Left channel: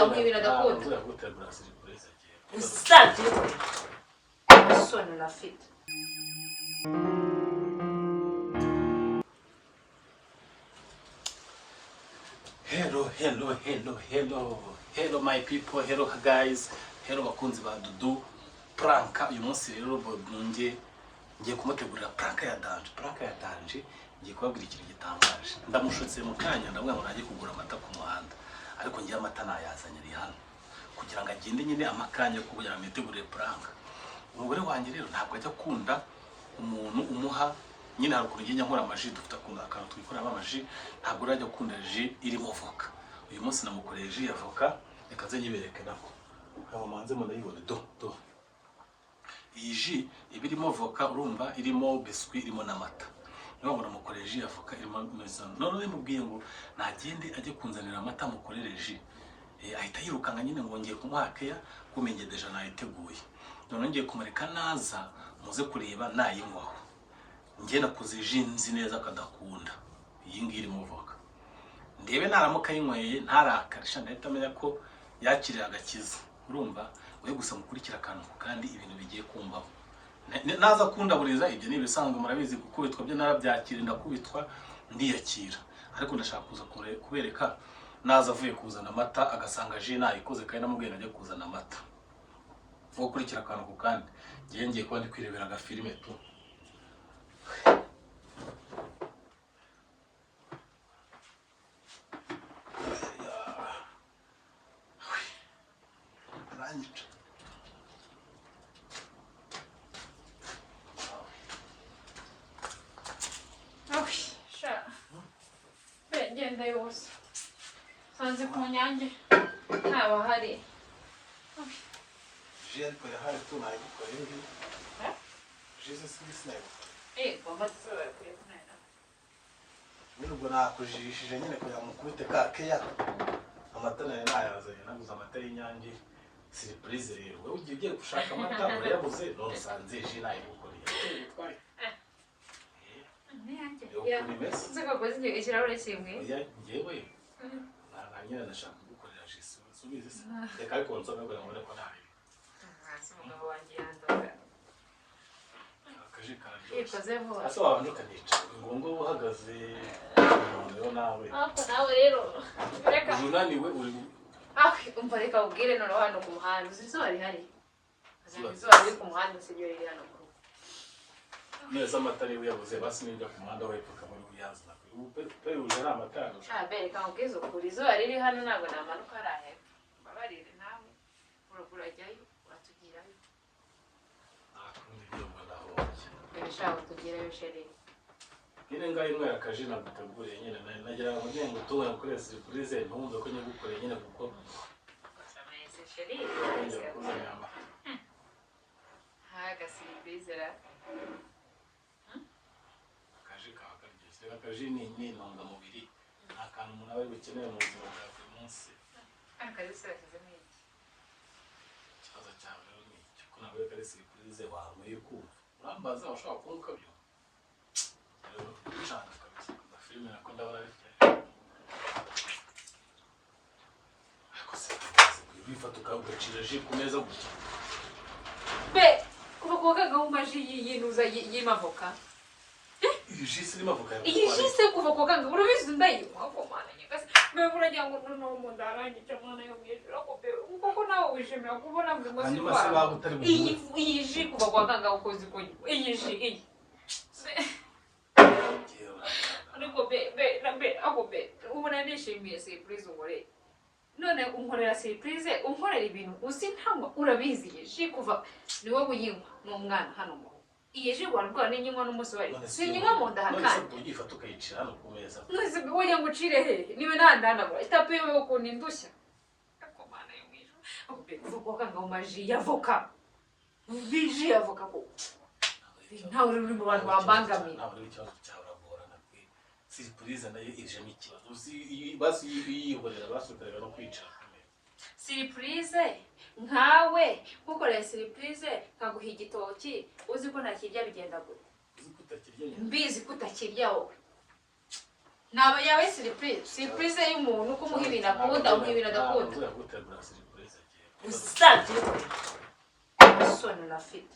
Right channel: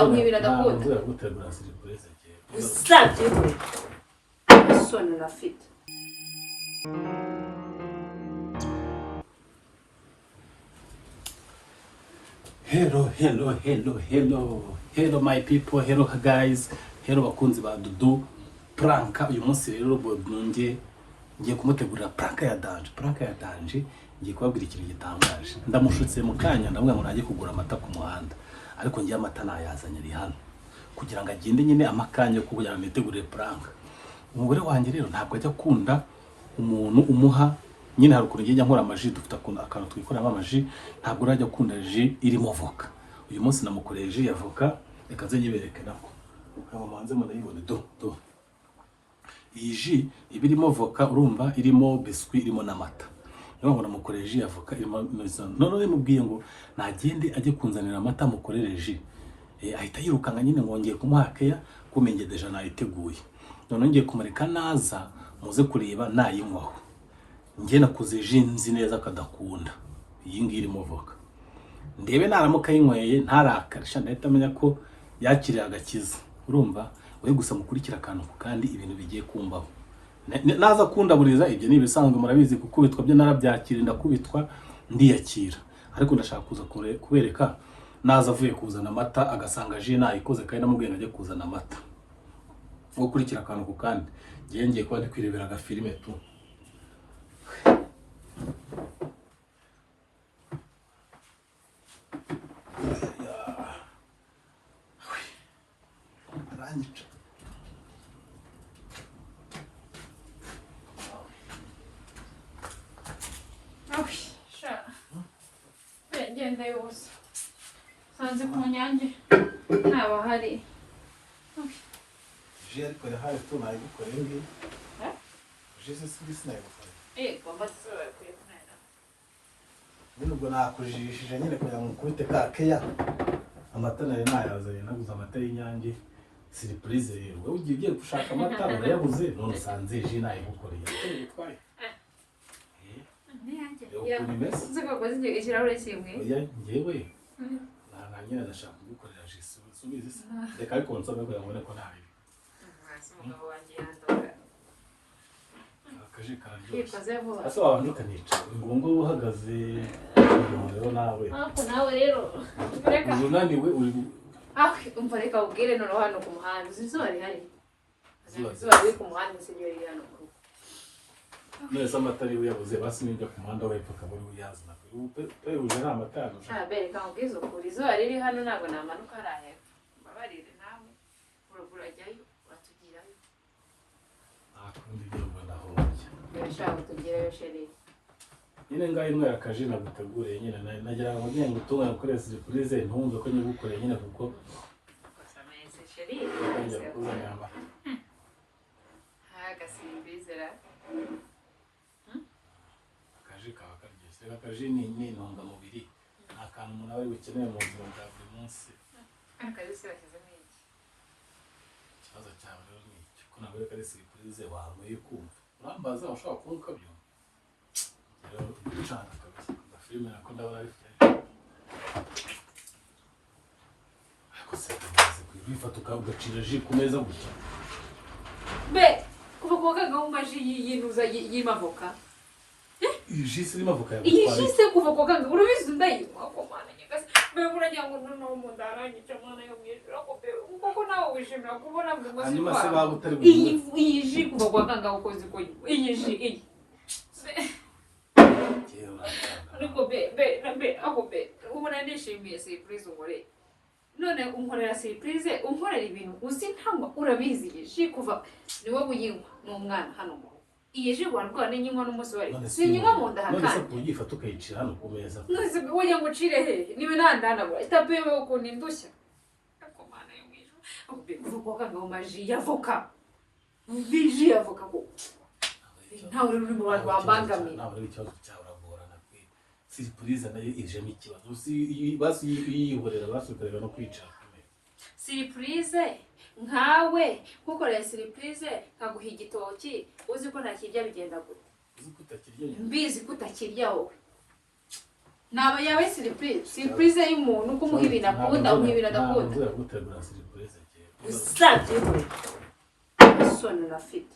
ukamwibira agakunda ntabwo yagutegura surprise usabye soni rafite hello my people, hello guys, hello bakunzi ba Dudu prank. Uyu munsi rero ngiye kumutegurira prank ya danje, ngiye kubabwira ikintu gitangaje. Ndamushutse mu kanya ndamwe ngo najye kugura amata ku muhanda, ariko ngiye amata nayazanye ari hano kugira ngo agende nyine amakanya kugira ngo nitegurire prank. Umugore wanjye rero ntabwo ajya kunda umuntu umuha nyine hari ukuntu ngiye nkora amaji, dufite akantu twikoramo amaji, ntabwo urajya kunda ji irimo voka. Uyu munsi namukoreye ji ya voka, reka nze nyibereke nako manze murayibone do. Iyi ji ibirimo voka, urumva irimo biscuit, irimo n'amata. Niyo ngo namukoreye ji ya voka irimo none mubwiye ngo nagende ajye kunzanira amata mukorere ji. Ahita yirukanga nyine ngo ngiye kumuha keya kumenye deja nayiteguye. None ngiye kumureka naza muze kureba nayinywaho. Ngiye nakuze ji nzi neza kadakunda iyi ngiyi irimo voka, ndebe naramuka yinyweye ntarakarisha, ndahita amenya ko yakiriye agakiza. Urumva we gusa mukurikira akantu kandi ibintu bigiye kumbaho. Naza kundaburiza ibyo ni ibisanzwe, murabizi gukubitwa byo narabyakira, ndakubitwa ndiyakira, ariko ndashaka kuza kubereka naza avuye kuzana amata agasanga ji nayikoze kandi namubwiye ajye kuzana amata. Gukurikira akantu kandi ngiye kuba ndi kwirebera agafilime tu. Genda yose sanze ku nyange ntaba hari je ko yahaye tubaye gukora ibi je sisi nayo bamasura kuri kunena nubwo nakujishije nyine kugira ngo mukubite ka keya. Amata nayo nayazanye, naguze amata y'inyange surprise rero. Ugiye gushaka amata urayabuze, none sanze je nayo gukoreye twari ngewe nyine ndashaka kugukorera jesu subize reka ariko nsome ko yabone ko ntari akaje kararyoshye. Asa abantu ukanica ngombwa uhagaze rero nawe ako nawe rero reka unaniwe umva reka ubwire none hano ku muhanda zizuba rihari, zizuba riri ku muhanda sinyo riri hano neza. Amata ari uyabuze basi n'ijya ku muhanda wepfo akabona uyazana pe uje ari amata bereka ubwizo kuri izuba riri hano ntabwo namanuka hariya babarire nawe uragura ajyayo watugirayo akundi byo mbona aho bishaka tugirayo sheri nyine ngaho imwe yakaje naguteguriye nyine nagira ngo ngiye gutungana kuri surprise ntumve ko ngiye gukorera nyine kuko samese sheri ngiye kuzana amata akaje ni intungamubiri, ni akantu umuntu aba bukeneye mu buzima bwa buri munsi. Ikibazo cyawe rero ni iki ko nawe kari surprise wamuye kumva urambaza washaka kumva ukabyo rero ushaka kabisa amafilime nako ndabona ari ariko se bifata ugacira ji ku meza gutya kuva kuwa gahunda yinuza y'imavoka. Iyi jisi irimo avoka iyi jisi kuva kuwa gahunda urabizi ndayikwa ko mana nyigase mbega uragira ngo no mu ndarangica mwana yo mwijura kuko nawe wishimira kubona ngo hanyuma se baba utari iyi ji kuva kuwa gahunda ukoze ko iyi ji iyi ariko aho ubona nishimiye surprise umure none unkorera surprise unkorera ibintu uzi ntamba urabizi iyi ji kuva niwo buyinywa n'umwana hano iyi ji rwanda n'inywa n'umunsi wari sinywa mu ndahakana none se kuyifata ukayicira hano ku meza none wowe ngo ucire he niba ntandandagura itape yo kundi ndushya ako mana yo mwijuru kuvuga ko ngo maji yavoka biji yavoka ko ntawe uri mu bantu bambangamiye ntabwo ari ikibazo cyawe uragorana kwe surprise nayo ijemo ikibazo basi yihorera basukarira no kwicara surprise nkawe nkukorera surprise nkaguha igitoki uzi ko ntakirya bigenda gute uzi ko utakirya mbizi ko utakirya wowe naba yawe surprise y'umuntu kumuha ibintu akunda umuha ibintu adakunda ntabwo yagutegura surprise usabye isoni rafite